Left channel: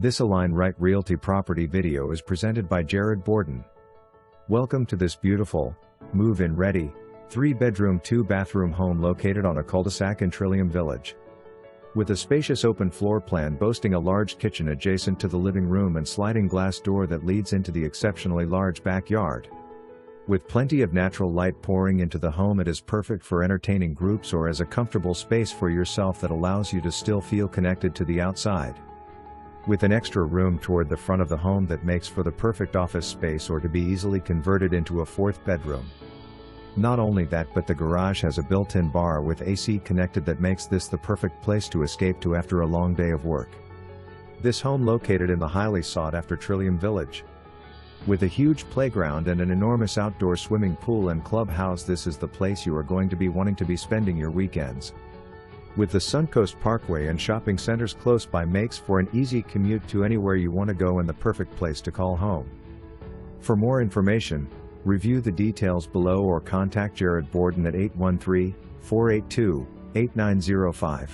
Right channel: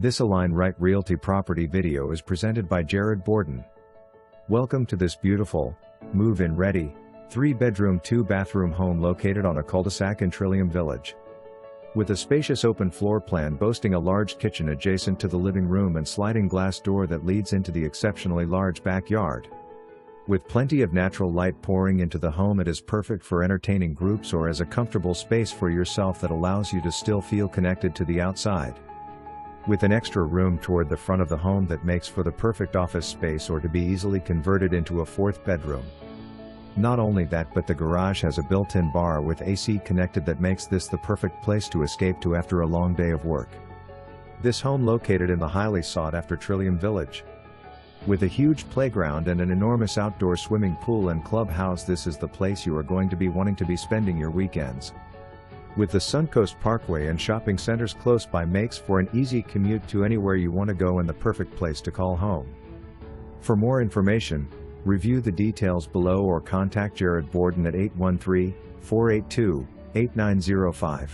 This Align Right Realty property video is presented by Jared Borden. Welcome to this beautiful, move-in ready, 3-bedroom 2-bathroom home located on a cul-de-sac in Trillium Village. With a spacious open floor plan boasting a large kitchen adjacent to the living room and sliding glass door that leads into the exceptionally large backyard. With plenty of natural light pouring into the home, it is perfect for entertaining groups or as a comfortable space for yourself that allows you to still feel connected to the outside. With an extra room toward the front of the home that makes for the perfect office space or to be easily converted into a 4th bedroom. Not only that, but the garage has a built-in bar with AC connected that makes this the perfect place to escape to after a long day of work. This home located in the highly sought-after Trillium Village. With a huge playground and an enormous outdoor swimming pool and clubhouse, this is the place you are going to be wanting to be spending your weekends. With the Suncoast Parkway and shopping centers close by, makes for an easy commute to anywhere you want to go and the perfect place to call home. For more information, review the details below or contact Jared Borden at 813-482-8905.